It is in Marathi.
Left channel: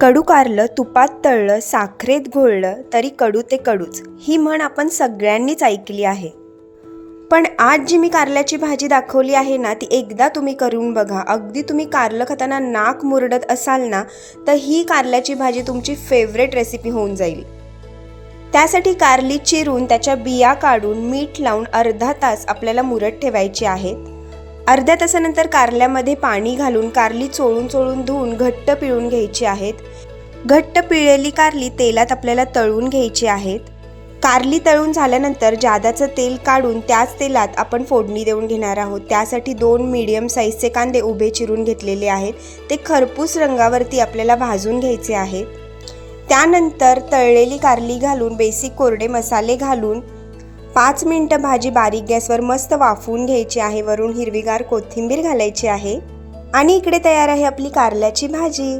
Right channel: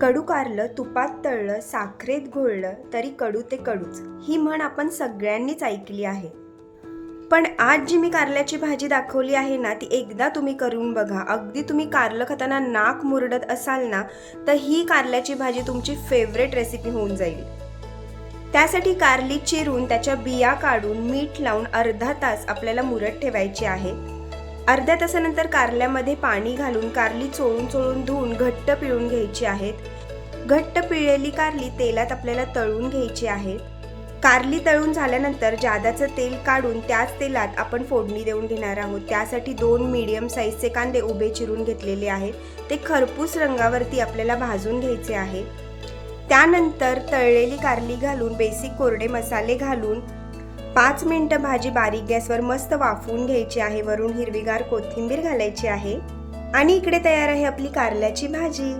कडू कारलं तुपात तळलं साखरेत घोळलं तरी कडू ते कडूच, ही म्हण आपण सगळ्यांनीच ऐकली आहे. पण आज जी मी कारल्याची भाजी दाखवली आहे ना, ती एकदा तुम्ही करून बघा. अगदी तुम्ही कारलं खाताना नाक मुरडत असाल ना, तर ही कारल्याची भाजी तुमची फेवरेट रेसिपी होऊन जाईल. त्यासाठी कारली चिरून त्याच्या बिया काढून मीठ लावून अर्धा तास आपल्याला मुरत ठेवायची आहे. अर्ध्या तासानंतर कारल्यामध्ये पाणी घालून कारली चोळून चोळून धुवून घट्ट पिळून घ्यायची आहेत. घट्ट पिळलेली कारली तेलात आपल्याला तळून घ्यायची आहेत. कारली तळून झाल्यानंतर जादाचं तेल काढून त्याच तेलात आपण फोडणी देऊन घेणार आहोत. त्यासाठी 2 मीडियम साईजचे कांदे उभे चिरून घेतलेले आहेत. ते खरपूस रंगावरती आपल्याला भाजून घ्यायचे आहेत. त्यानंतर तळलेली कारली घालून बेसिक कोरडे मसाले घालून 5 मिनिटं भाजी बारीक गॅसवर मस्त वाफवून घ्यायची आहे. वरून हिरवीगार कोथिंबीर घालायची आहे आणि इकडे तयार आहे आपली कारल्याची भाजी.